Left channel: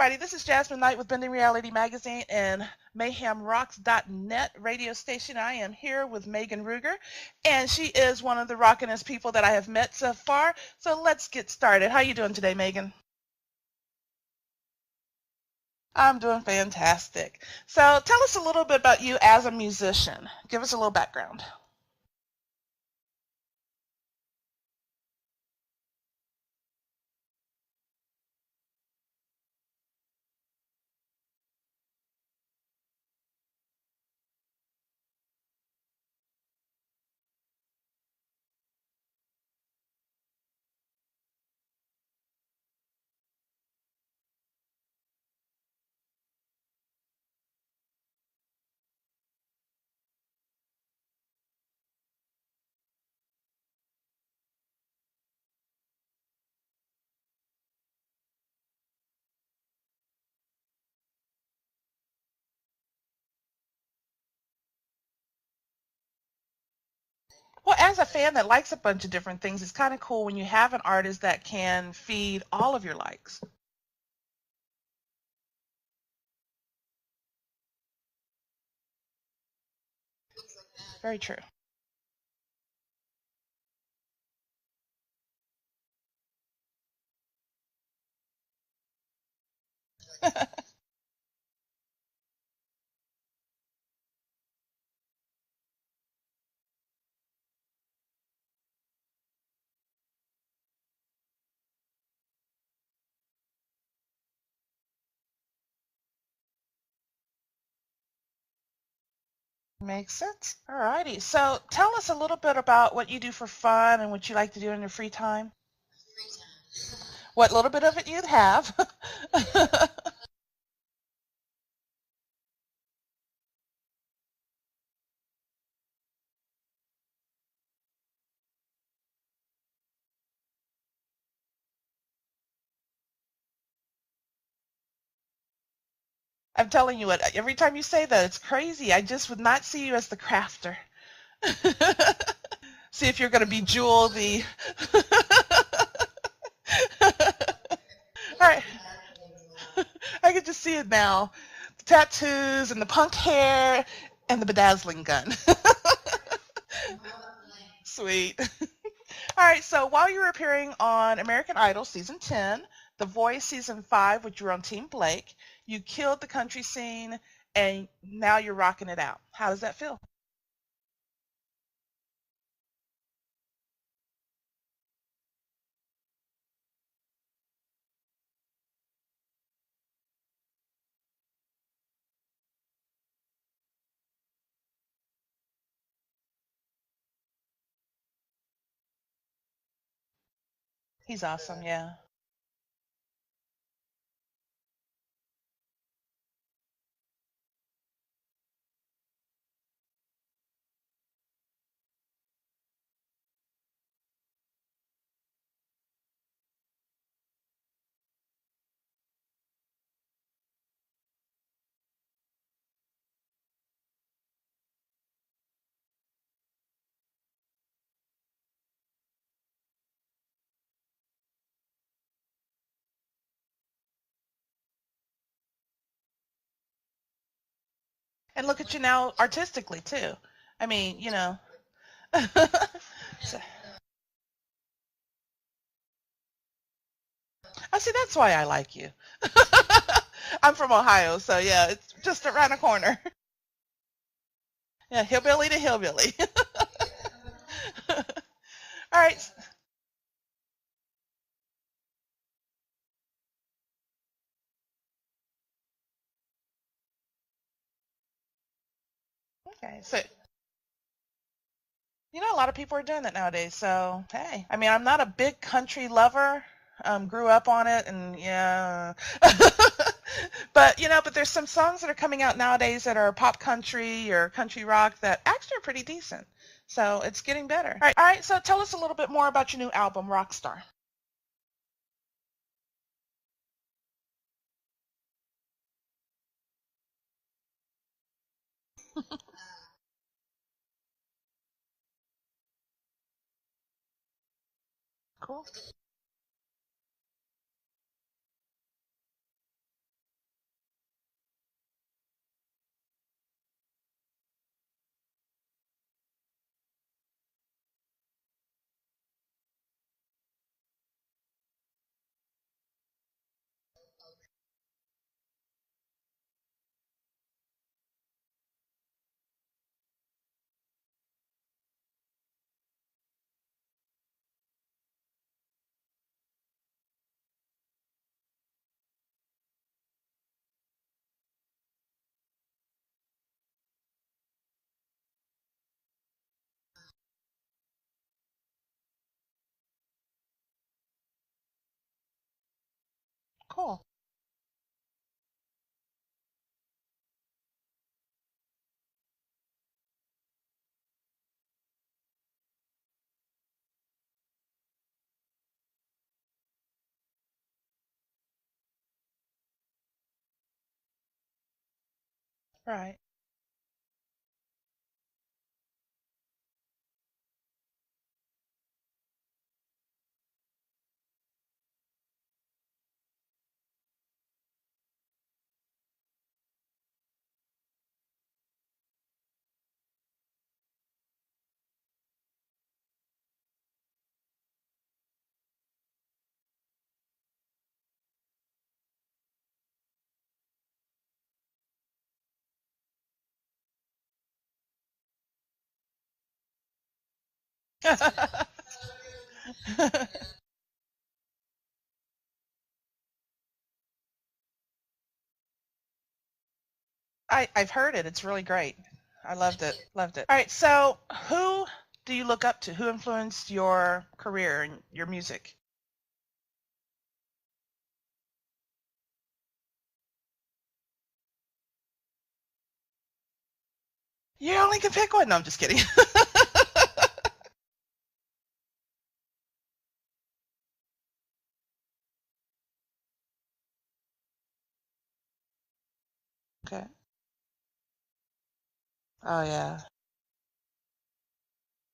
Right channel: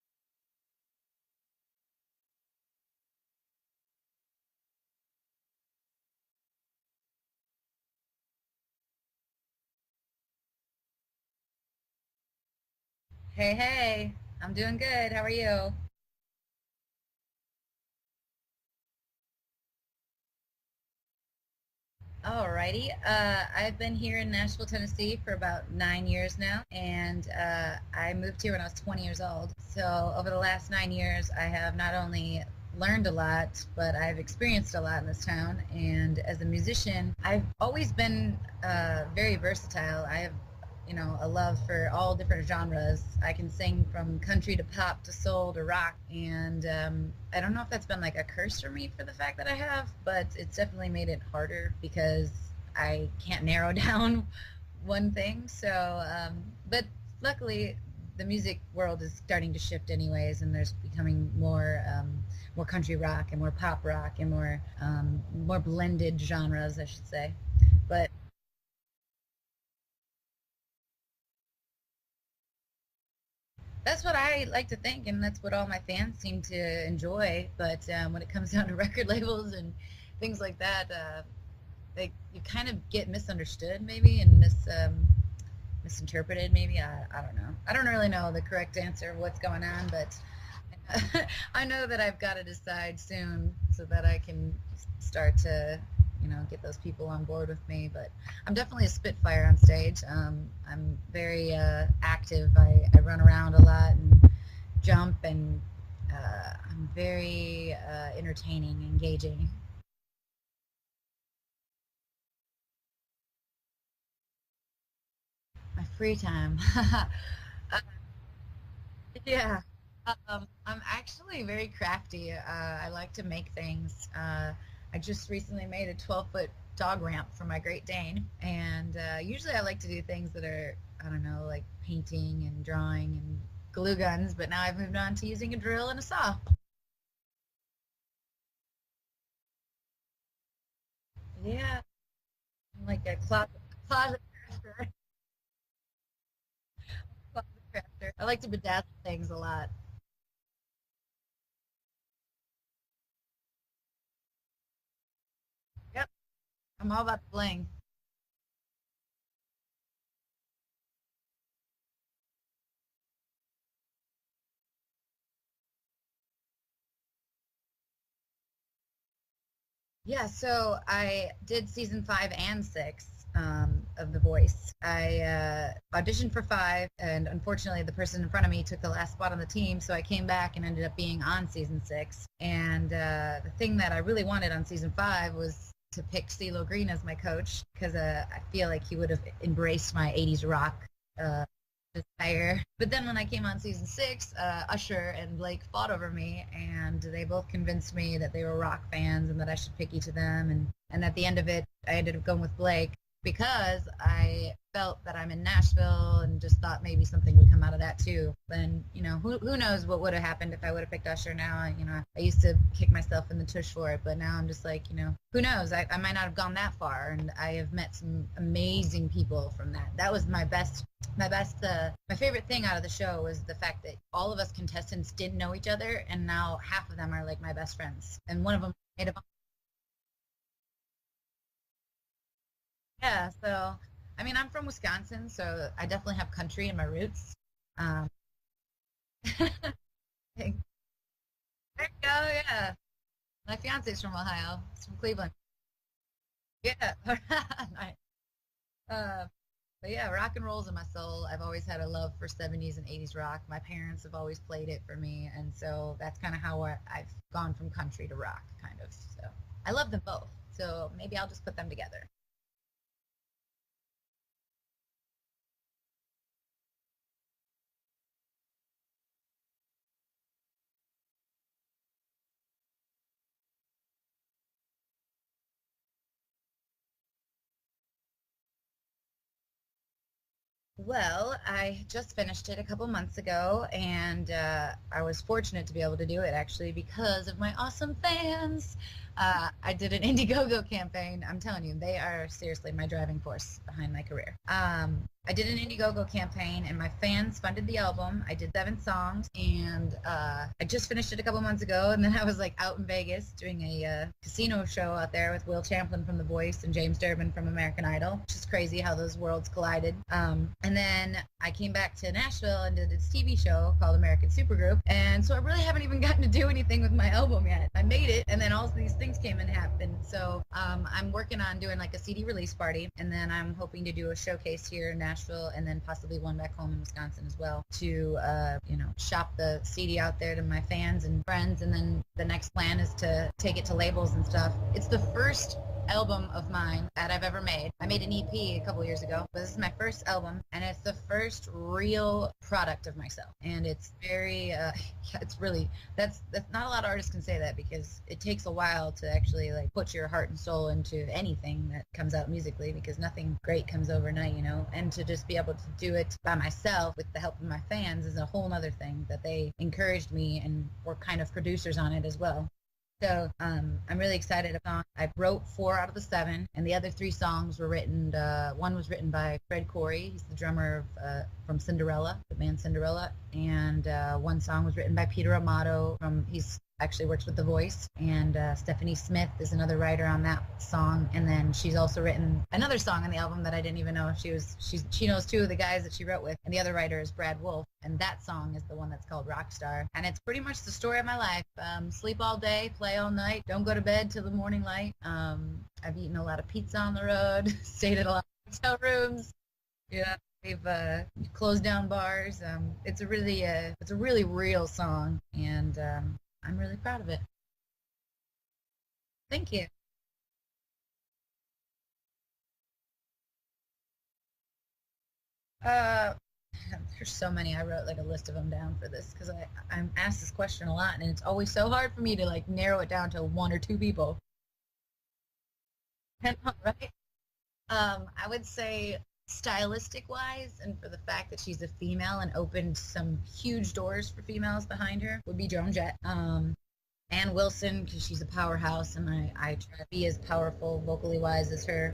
everybody. This is Jasmine Knight with Bending Reality Magazine and MayhemRocks.net radio station. I am here with Megan RÜGER, and she is one of the rockinest people that I have met so far. So let's get started. How are you doing today, Megan? Hey, I'm doing good. How are you? I'm doing fantastic. So tell us a little bit about you as a musician. Give us a little background. Alrighty. I've been here in Nashville, Tennessee for about 9 years now, and I moved here when I was 20 years old. So over the last 9 years, I have not only learned a lot, but I've experienced a lot in this town. And as a musician, I've always been very versatile. I have a love for all different genres. I can sing from country to pop to soul to rock, and I don't know if that's been like a curse for me for the fact that I have, but it's definitely made it harder because I can't narrow down one thing. So, but luckily the music world is starting to shift anyways, and there's becoming more country rock and more pop rock and more blended genres, I should say. Well, as a fan that likes a bunch of different things, it's kind of cool when you have an artist that can feed all of your likes. That's what I like to think, and that's what all my fans seem to enjoy. But when it comes down to record labels and things like that, very true. You kind of get misunderstood maybe and misinterpreted maybe. I don't know. I don't really know the correct answer of what's going on, but I know that I've got to decide soon so that I can start to get those people on board with me. But I'm definitely a spitfire on stage. I'm very active. I run around a lot and jump, and I'm very entertaining, engaging. Makes sense. All righty. So tell us a little bit about what you do for fun and what you like to do in your free time. My free time. What little bit of it you'd have. Yeah. I'm actually very crafty. I like to make things. I just recently made a 12-foot dog ramp for my Great Dane, and usually I like to do things that are, I don't know, like painting and drawing and glue guns, but now I've moved on to using a drill and a saw. I'm telling you what, every time you say that, it's crazy. I just would not see you as the crafter. Yeah. Like see if you're going to be Jewel the... I like to bedazzle things a lot. I can just see it now. The tattoos and the punk hair and the bedazzling gun. Yep. I'm all about the bling. Sweet. All right, so while you were appearing on American Idol Season 10, The Voice Season 5, which you were on Team Blake, you killed the country scene, and now you're rocking it out. How does that feel? Yeah, so I did Season 5 and 6 of The Voice. I auditioned for 5, and unfortunately the person in front of me took the last spot on the team, so I came back and ended up being on Season 6. And the thing that I really wanted on Season 5 was to pick CeeLo Green as my coach, because I feel like he would have embraced my 80s rock. He's awesome, yeah. Desire. But then when I came on Season 6, Usher and Blake fought over me, and they both convinced me that they were rock fans and that I should pick each of them. And at the end of it, I ended up going with Blake because I felt that I'm in Nashville and just thought maybe something would come out of that too. Then, who knows what would have happened if I would have picked Usher now. I used to kick myself in the tush for it, but now I'm just like, who knows? I might not have gone that far, and I have met some amazing people from that. That was my favorite thing out of the show was the fact that all of us contestants didn't know each other, and now half of them are like my best friends. And look at you now artistically too. I mean, Yeah, so, I'm from Wisconsin, so I definitely have country in my roots. I see, that's why I like you. I'm from Ohio, so yeah, it's just around the corner. My fiance's from Ohio. Yeah, hillbilly to hillbilly. Yeah. All right. But yeah, rock and roll's in my soul. I've always had a love for 70s and 80s rock. My parents have always played it for me, and so that's kind of how I've gone from country to rock, kind of. So okay. I love them both. So maybe I'll just put them together. A lot of people are doing that nowadays. So, hey. I'm not a big country lover. Grew up on it, and yeah. but there's some songs that are coming out nowadays that are pop country or country rock that actually are pretty decent. So it's getting better. All right. So tell us a little bit more about your new album, Rockstar. Well, I just finished it a couple months ago, and I was fortunate to be able to do it actually because of my awesome fans. I did an Indiegogo campaign. I'm telling you, they are seriously my driving force behind my career. I did an Indiegogo campaign, and my fans funded the album. I did 7 songs, and I just finished it a couple months ago, and then I was like out in Vegas doing a casino show out there with Will Champlin from The Voice and James Durbin from American Idol, which is crazy how those worlds collided. And then I came back to Nashville and did this TV show called American Supergroup, and so I really haven't even gotten to do anything with my album yet. I made it, and then all of these things came and happened. So I'm working on doing like a CD release party, and then I'm hoping to do a showcase here in Nashville, and then possibly one back home in Wisconsin as well to shop the CD out there to my fans and friends. And then the next plan is to take it to labels and stuff. It's the first album of mine that I've ever made. I made an EP a couple years ago, but this is my first album, and it's the first real product of myself. And cool. It's very it's really that's not a lot of artists can say that, because it takes a while to actually like put your heart and soul into anything that comes out musically, because nothing great comes overnight, and to just be able to do it by myself with the help of my fans is a whole nother thing, that they encouraged me and were kind of producers on it as well. Right. So I'm really excited about it. I wrote 4 out of the 7, and the other 3 songs were written, one was written by Fred Corey. He's the drummer from Cinderella, the band Cinderella, and one song was written by Peter Amato he's actually works with The Voice, and Stephanie Smith is another writer on that song, and then she's also written another song on the album that I didn't even know she knows 2 of the guys that she wrote with, and the other writer is Brad Wolf, and that song is the one that's called Rockstar, and it's pretty much the story of my life. Sleep all day, play all night, don't go to bed till the morning light. I've eaten a lot of pizza on the road, stayed in a lot of hotel rooms. We've closed down bars. It's a really real song, and I'm really proud of it. I've heard it. It's really great. I Thank you. Loved it. All right. So who do you look up to? Who influenced your career and your music? There's so many. I wrote like a list of them down for this because I'm asked this question a lot, and it's always so hard for me to like narrow it down to 1 or 2 people. You only can pick one. No, I'm just kidding. I would say stylistic wise, and for the fact that she's a female and opened some huge doors for females behind her, would be Joan Jett. Okay. Ann Wilson, because she's a powerhouse, and I try to be as powerful vocally wise as her.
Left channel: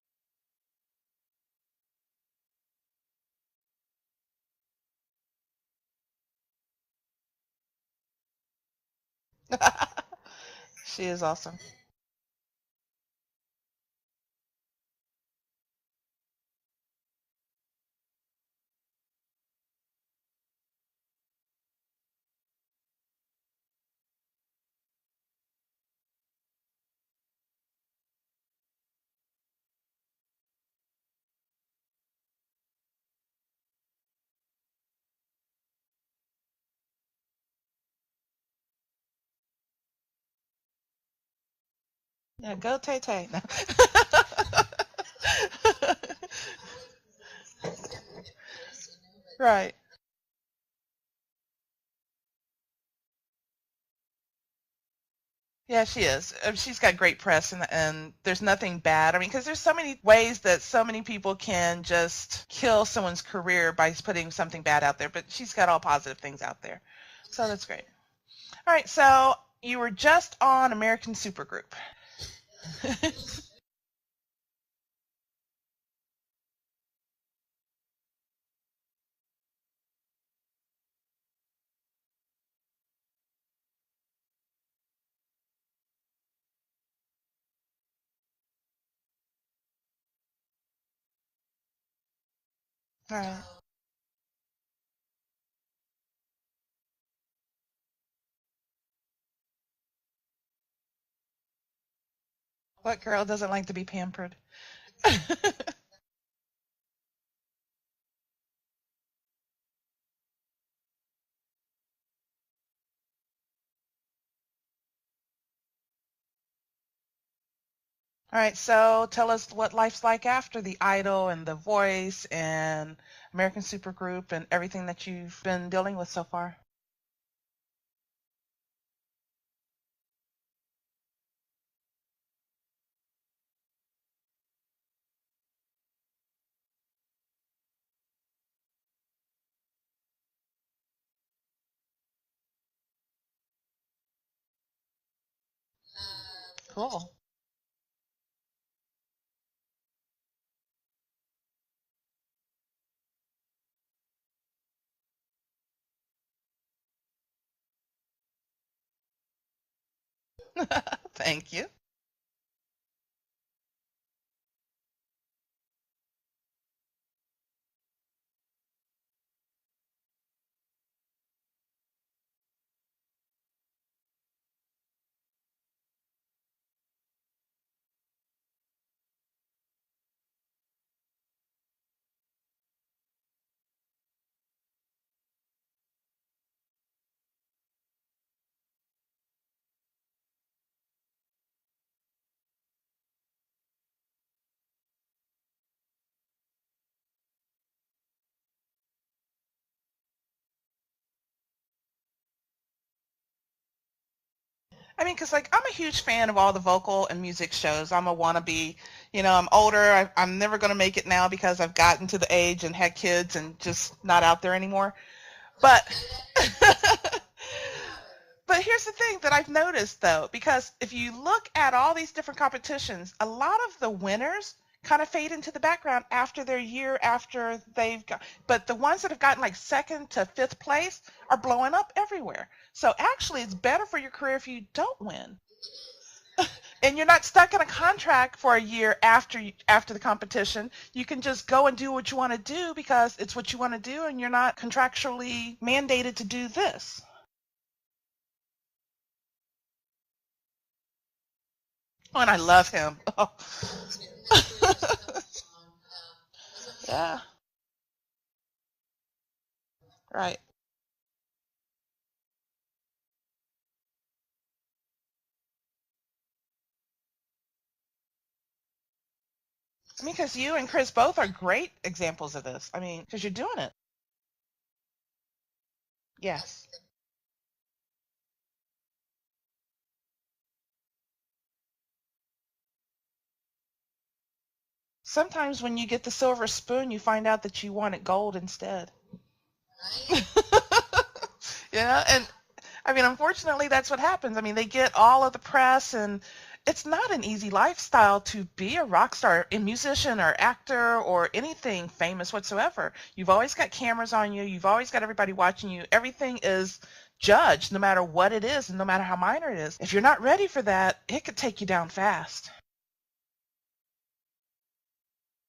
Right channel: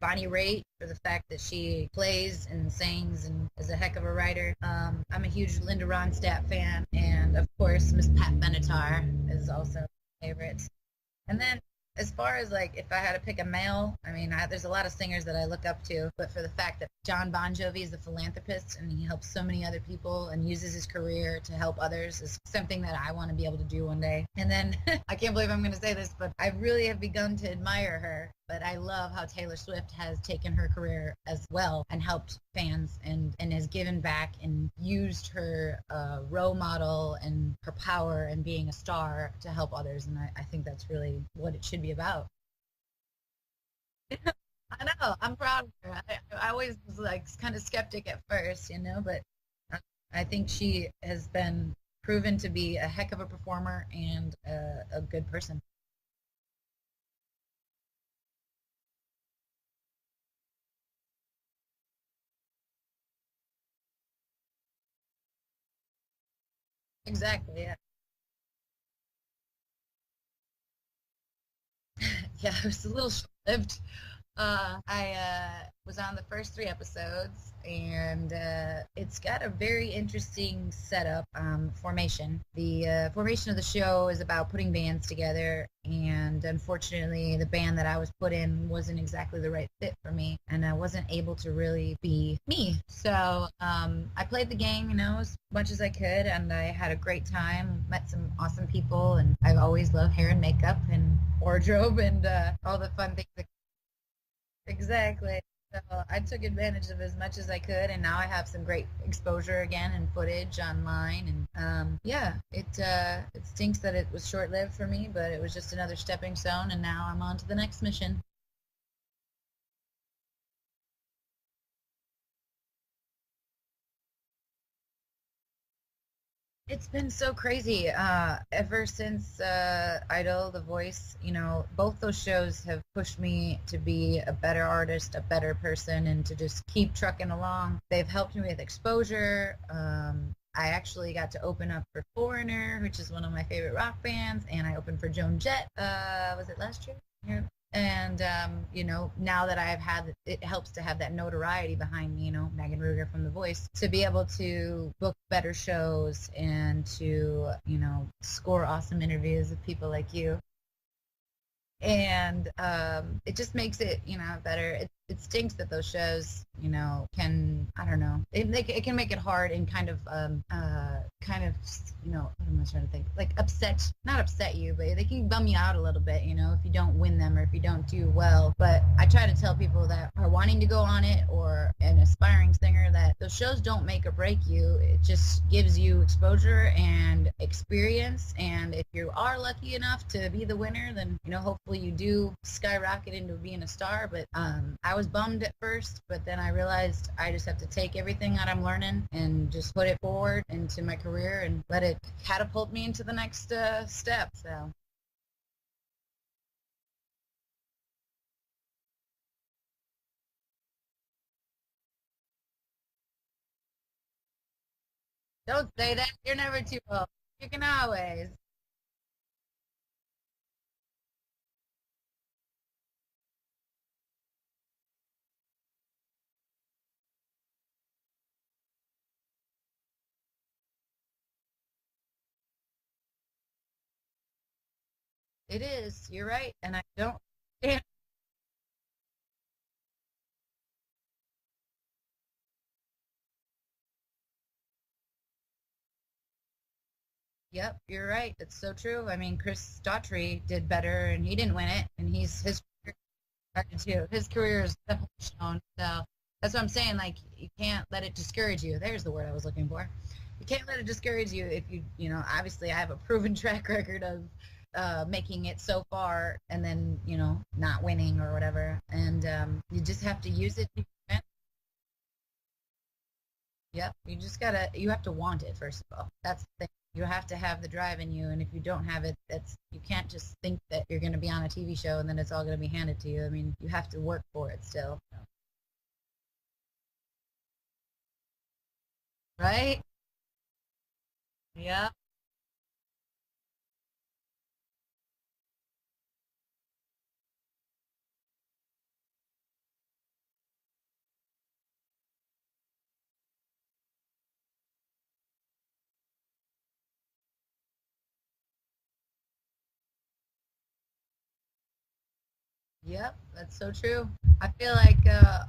Bonnie Raitt, for the fact that she plays and sings and is a heck of a writer. I'm a huge Linda Ronstadt fan, and of course Miss Pat Benatar is also my favorite. She is awesome. And then, as far as like if I had to pick a male, I mean, there's a lot of singers that I look up to, but for the fact that John Bon Jovi is a philanthropist and he helps so many other people and uses his career to help others is something that I want to be able to do one day. And then I can't believe I'm going to say this, but I really have begun to admire her. But I love how Taylor Swift has taken her career as well and helped fans and has given back and used her role model and her power and being a star to help others. And I think that's really what it should be about. Yeah, go Tay-Tay. No. I know, I'm proud of that. I always was like kind of skeptic at first, but right. I think she has been proven to be a heck of a performer and a good person. Yeah, she is. She's got great press, and there's nothing bad. I mean, because there's so many ways that so many people can just kill someone's career by putting something bad out there, but she's got all positive things out there. Exactly. So that's great. All right, so you were just on American Supergroup. Yeah, it was a little short-lived. I was on the first 3 episodes, and it's got a very interesting setup, formation. The formation of the show is about putting bands together, and unfortunately the band that I was put in wasn't exactly the right fit for me, and I wasn't able to really be me. So I played the game, as much as I could, and I had a great time, met some awesome people, and I've always loved hair and makeup and wardrobe and all the What fun girl things. doesn't like to be pampered? Exactly. So I took advantage of as much as I could, and now I have some great exposure again and footage online. And it stinks that it was short-lived for me, but it was just another stepping stone, and now I'm on to the next mission. All right, so tell us what life's like after the Idol and The Voice and American Supergroup and everything that you've been dealing with so far? It's been so crazy. Ever since Idol, The Voice, both those shows have pushed me to be a better artist, a better person, and to just keep trucking along. They've helped me with exposure. I actually got to open up for Foreigner, which is one of my favorite rock bands, and I opened for Joan Jett. Was it last year? And, now that I've had, it helps to have that notoriety behind me, Megan RÜGER from The Voice, to be able to book better shows and to, score awesome interviews with people like you. Thank you. And it just makes it, better. It stinks that those shows, can, I don't know, it can make it hard and kind of, what am I trying to think? Like not upset you, but they can bum you out a little bit, if you don't win them or if you don't do well. But I try to tell people that are wanting to go on it or an aspiring singer that those shows don't make or break you. It just gives you exposure and experience. And if you are lucky enough to be the winner, then, hopefully you do skyrocket into being a star. But I was bummed at first, but then I realized I just have to take everything that I'm learning and just put it forward into my career and let it catapult me into the next step. So I mean, because I'm a huge fan of all the vocal and music shows. I'm a wannabe. I'm older. I'm never going to make it now because I've gotten to the age and had kids and just not out there anymore. Don't say that. You're never too old. You can always. But here's the thing that I've noticed, though, because if you look at all these different competitions, a lot of the winners kind of fade into the background after their year after they've got, but the ones that have gotten like second to fifth place are blowing up everywhere. So actually it's better for your career if you don't win. It is. You're right. And you're not stuck in a contract for a year after the competition. You can just go and do what you want to do because it's what you want to do and you're not contractually mandated to do this. Yep, you're right. It's so true. I mean, Chris Daughtry did better, and he didn't win it. And I love him. Oh. His career is so that's what I'm saying. Yeah. Like, you can't let it discourage you. There's the word I was looking for. Right. You can't let it discourage you if obviously I have a proven track record of making it so far and then, not winning or whatever. And you just have because you and Chris both are great examples of this. I mean, because you're doing it. Yep. You have to want it, first of all. Yes. You have to have the drive in you. And if you don't have it, you can't just think that you're going to be on a TV show and then it's all going to be handed to you. I mean, you have to work for it still. Sometimes when you get the silver spoon, you find out that you wanted gold instead. Right? Yeah. And I mean, unfortunately, that's what happens. I mean, they get all of the press, and it's not an easy lifestyle to be a rock star, a musician or actor or anything famous whatsoever. You've always got cameras on you. You've always got everybody watching you. Everything is judged, no matter what it is and no matter how minor it is. If you're not ready for that, it could take you down fast. Yep, that's so true. I feel like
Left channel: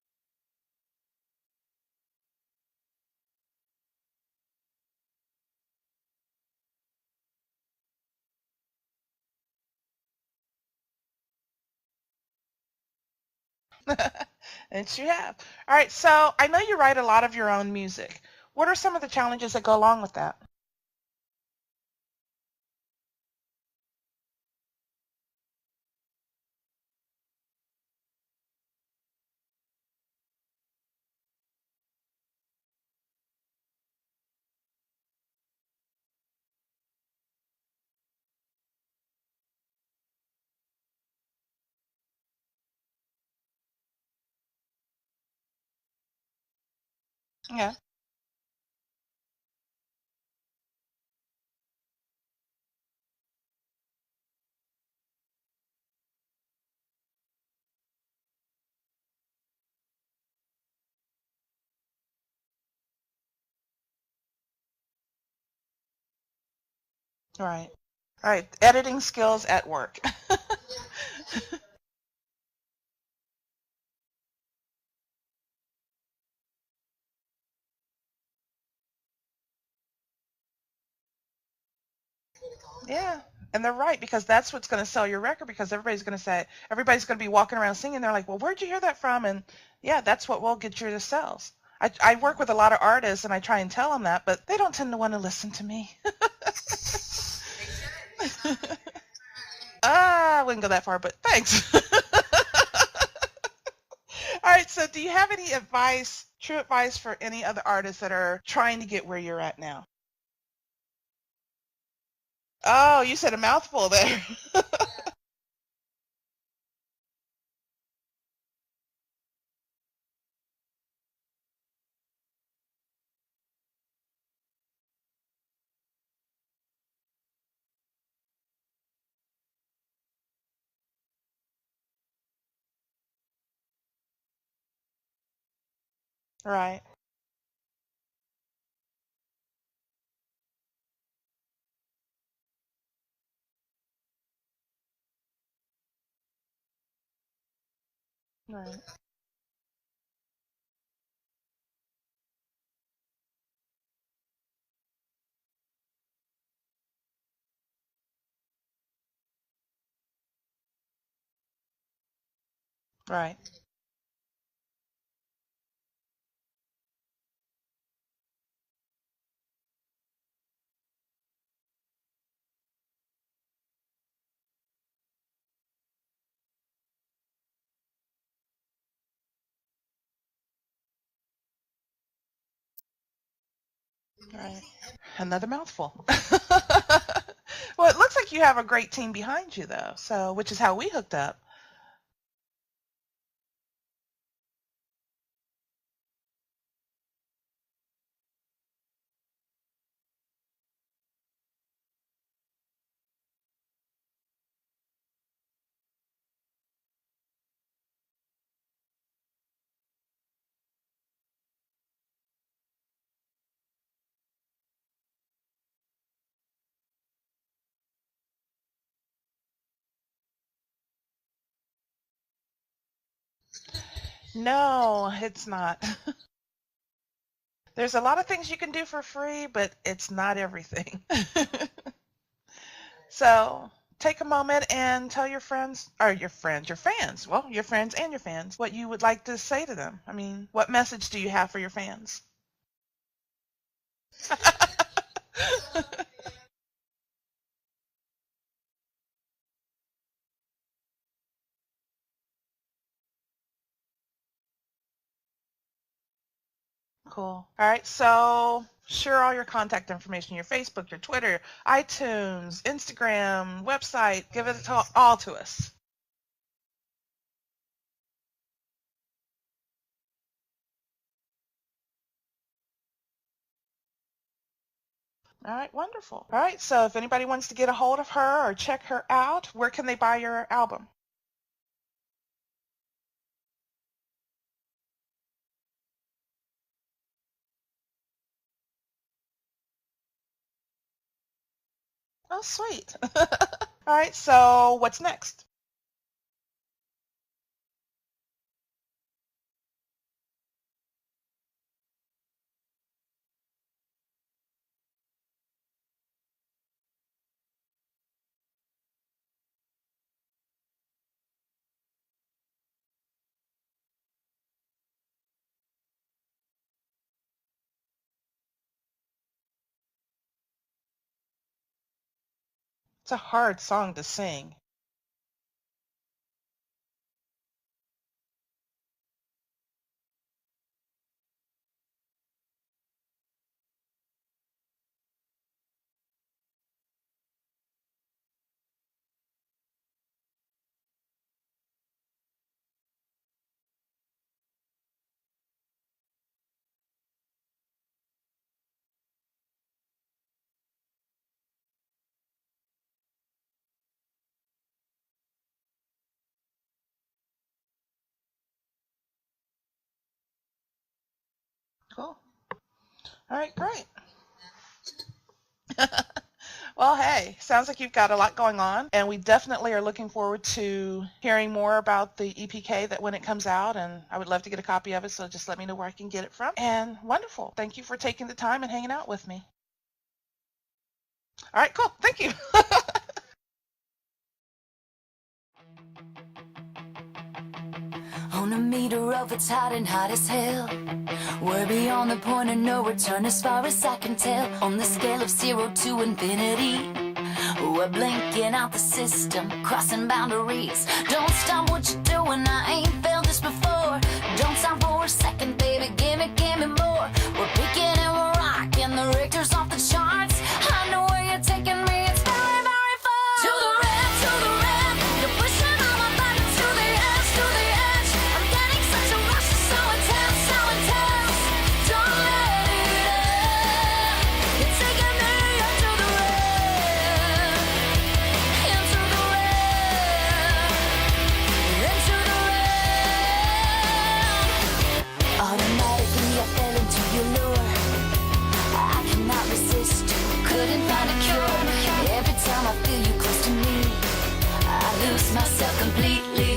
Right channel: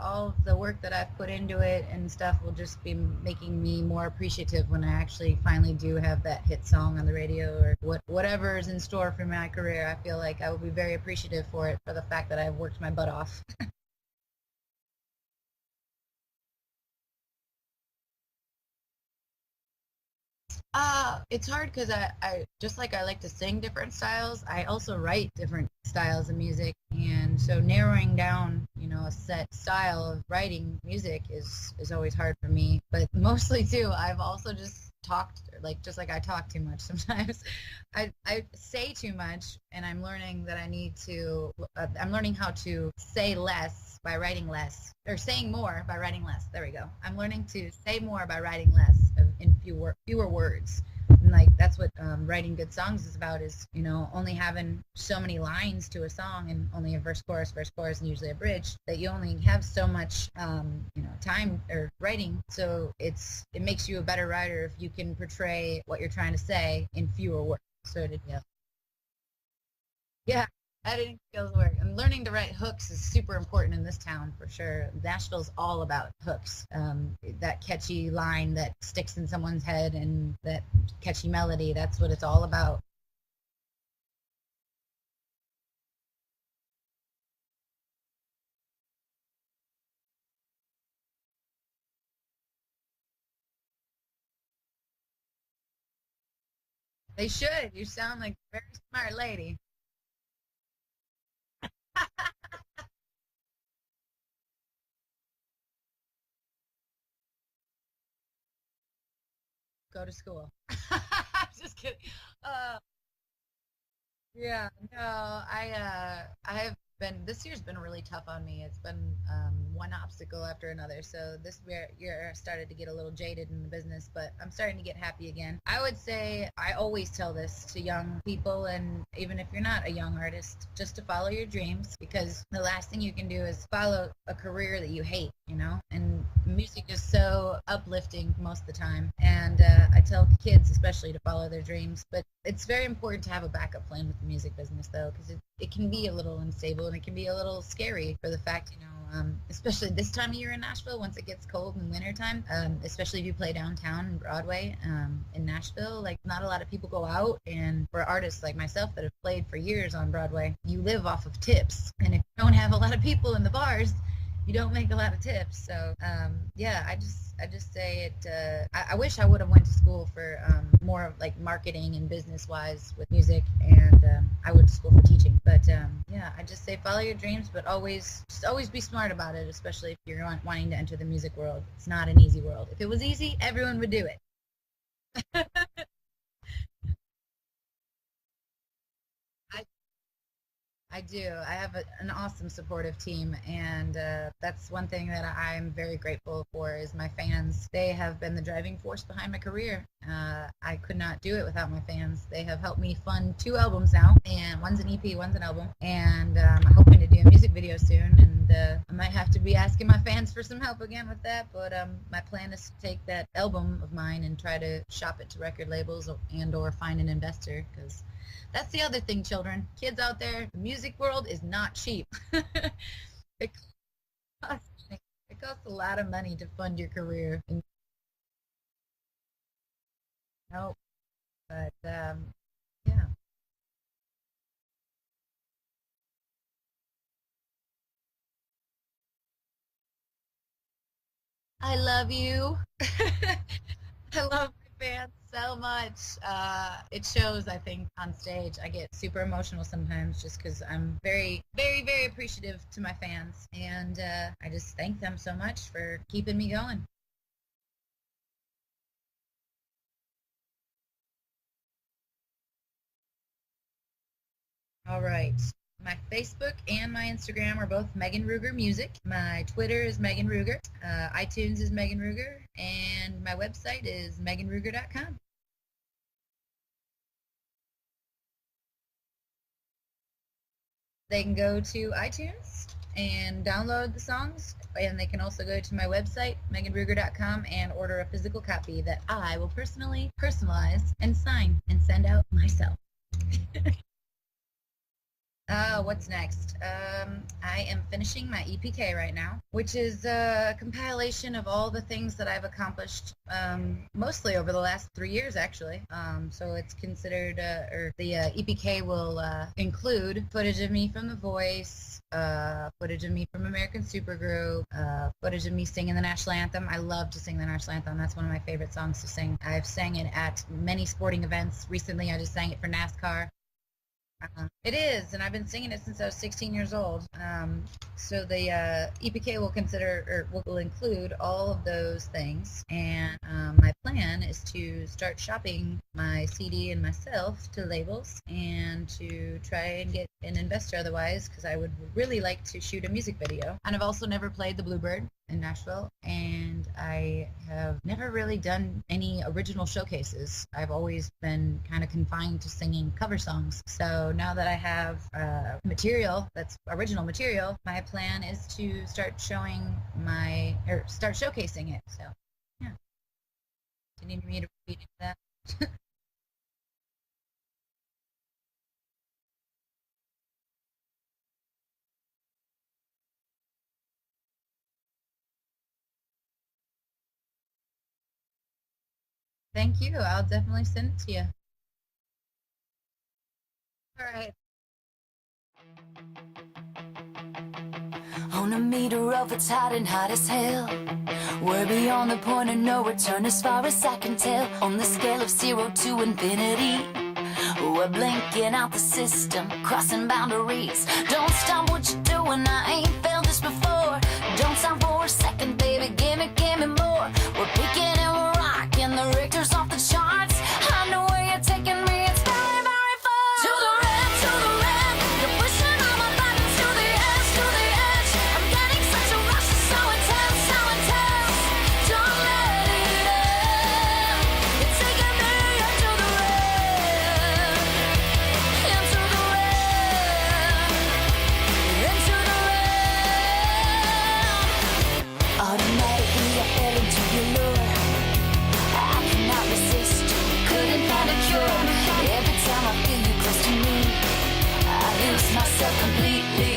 all of the work that I've put into it and stuff will just be making me more appreciative when I actually finally do have that hit song on the radio or whatever is in store for my career. I feel like I will be very appreciative for it, for the fact that I've worked my butt off. And you have. All right, so I know you write a lot of your own music. What are some of the challenges that go along with that? It's hard because I just like I like to sing different styles, I also write different styles of music. And so narrowing down, a set style of writing music is always hard for me. But mostly, too, I've also just talked, just like I talk too much sometimes. I say too much, and I'm learning that I'm learning how to say less by writing less, or saying more by writing less. There we go. I'm learning to say more by writing less in fewer words. And that's what writing good songs is about, is only having so many lines to a song and only a verse chorus and usually a bridge, that you only have so much time or writing. So it makes you a better writer if you can portray what you're trying to say in fewer words. So editing skills at work. Yeah, editing skills work. And learning to write hooks is super important in this town, for sure. Nashville's all about hooks. That catchy line that sticks in someone's head and that catchy melody, that's what it's all about. Yeah, and they're right, because that's what's going to sell your record, because everybody's going to be walking around singing. They're like, well, where'd you hear that from? And yeah, that's what will get you the sales. I work with a lot of artists, and I try and tell them that, but they don't tend to want to listen to me. They should. You sound like a very smart lady. I wouldn't go that far, but thanks. All right, so do you have any advice true advice for any other artists that are trying to get where you're at now? Go to school. Just kidding. Oh, you said a mouthful there. Yeah, no, I have been, this year's been really tough on me. It's been one obstacle after another. So this year I started to get a little jaded in the business, but I'm starting to get happy again. I would say I always tell this to young people, and even if you're not a young artist, just to follow your dreams, because the last thing you can do is follow a career that you hate, you know? And music is so uplifting most of the time. And I tell kids especially to follow their dreams, but it's very important to have a backup plan with the music business, though, because it can be a little unstable and it can be a little scary for the fact, you know, especially this time of year in Nashville, once it gets cold in wintertime, especially if you play downtown and Broadway in Nashville, like not a lot of people go out. And for artists like myself that have played for years on Broadway, you live off of tips. And if you don't have a lot of people in the bars, you don't make a lot of tips. So yeah, I just say it. I wish I would have went to school for more of like marketing and business wise with music, and I went to school for teaching. But yeah, I just say follow your dreams, but always be smart about it, especially if you're wanting to enter the music world. It's not an easy world. If it was easy, everyone would do it. Right. Another mouthful. Well, it looks like you have a great team behind you, though. So, which is how we hooked up. I have an awesome supportive team, and that's one thing that I'm very grateful for is my fans. They have been the driving force behind my career. I could not do it without my fans. They have helped me fund 2 albums now, and one's an EP, one's an album, and I'm hoping to do a music video soon, and I might have to be asking my fans for some help again with that, but my plan is to take that album of mine and try to shop it to record labels and or find an investor, because that's the other thing, children. Kids out there, the music world is not cheap. No, it's not. A lot of money to fund your career. There's a lot of things you can do for free, but it's not everything. But, yeah. So take a moment and tell your fans, well, your friends and your fans, what you would like to say to them. I mean, what message do you have for your fans? I love you. I love you, fans, so much. It shows, I think, on stage. I get super emotional sometimes just because I'm very, very, very appreciative to my fans. And I just thank them so much for keeping me going. Cool. All right, so share all your contact information, your Facebook, your Twitter, iTunes, Instagram, website. Give it all to us. My Facebook and my Instagram are both Megan RÜGER Music. My Twitter is Megan RÜGER. iTunes is Megan RÜGER. And my website is meganruger.com. All right, wonderful. All right, so if anybody wants to get a hold of her or check her out, where can they buy your album? They can go to iTunes and download the songs, and they can also go to my website, meganruger.com, and order a physical copy that I will personally personalize and sign and send out. Oh, sweet. All right, so what's next? What's next? I am finishing my EPK right now, which is a compilation of all the things that I've accomplished, mostly over the last 3 years, actually. So it's considered, or the EPK will include footage of me from The Voice, footage of me from American Supergroup, footage of me singing the National Anthem. I love to sing the National Anthem. That's one of my favorite songs to sing. I've sang it at many sporting events. Recently, I just sang it for NASCAR. It's a hard song to sing. It is, and I've been singing it since I was 16 years old. So the EPK will include all of those things, and my plan is to start shopping my CD and myself to labels and to try and get an investor otherwise, because I would really like to shoot a music video. And I've also never played the Bluebird in Nashville, and I have never really done any original showcases. I've always been kind of confined to singing cover songs. So now that I have material that's original material, my plan is to start showcasing it. Cool. Yeah. All right, great. You need me to repeat that? Well, hey, sounds like you've got a lot going on, and we definitely are looking forward to hearing more about the EPK that when it comes out, and I would love to get a copy of it, so just let me know where I can get it from. And wonderful. Thank you for taking the time and hanging out with me. Thank you. I'll definitely send it to you. All right, cool. Thank you. All right. On a meter of it's hot and hot as hell. We're beyond the point of no return as far as I can tell. On the scale of 0 to infinity, we're blinking out the system, crossing boundaries. Don't stop what you're doing, I ain't felt this before. Don't stop for a second, baby, give me couldn't find a cure. Every time I feel you close to me, I lose myself completely.